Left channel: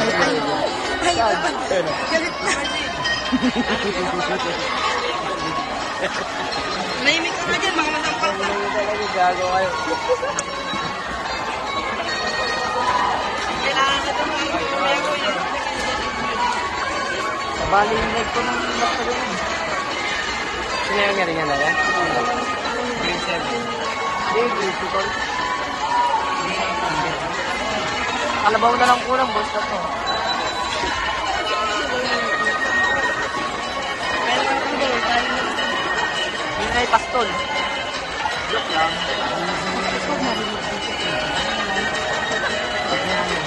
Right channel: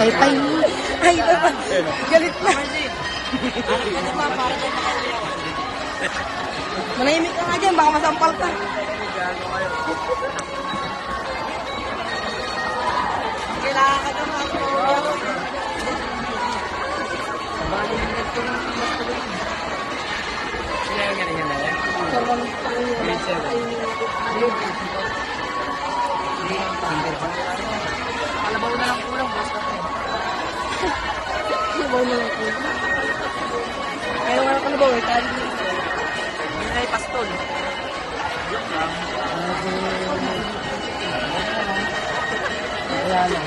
Tay-tay mo. Ay, galit mo. Manahimik ka nga dyan, baka masampal ka. Kailangan ka dun kayo. Nabali yung leg ko ng basta rin. Kaya na rin nalawa? Hindi siya rin. Hindi ko. Hindi pa. Kalabaw na lang kulang, boss na to. Kalabaw, Hindi na ipastol. Joke lang. Kaya na.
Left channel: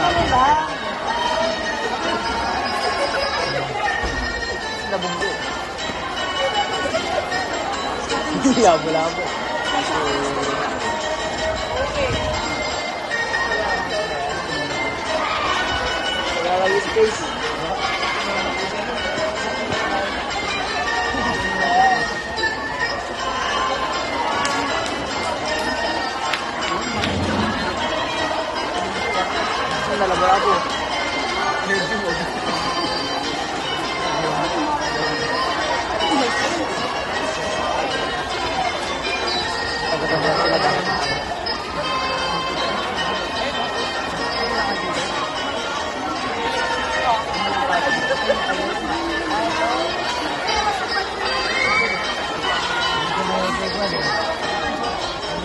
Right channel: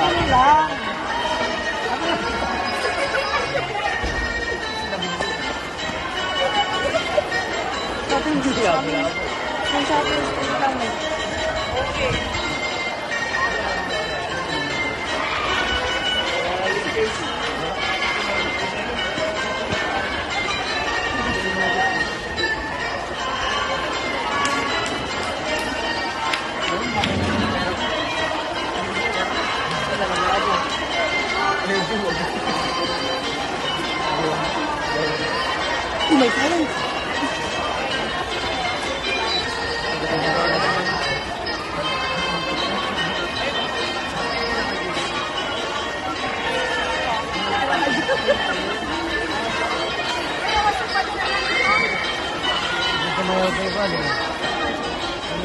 Ano lang? Nabunggo. Lalabado. Medyo mo.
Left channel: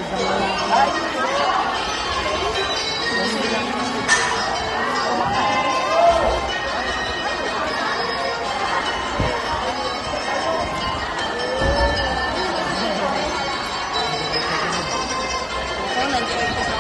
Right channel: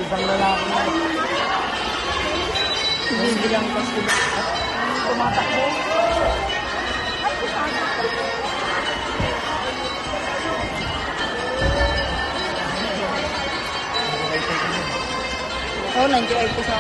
Ibang lalaki na. nandiyan ay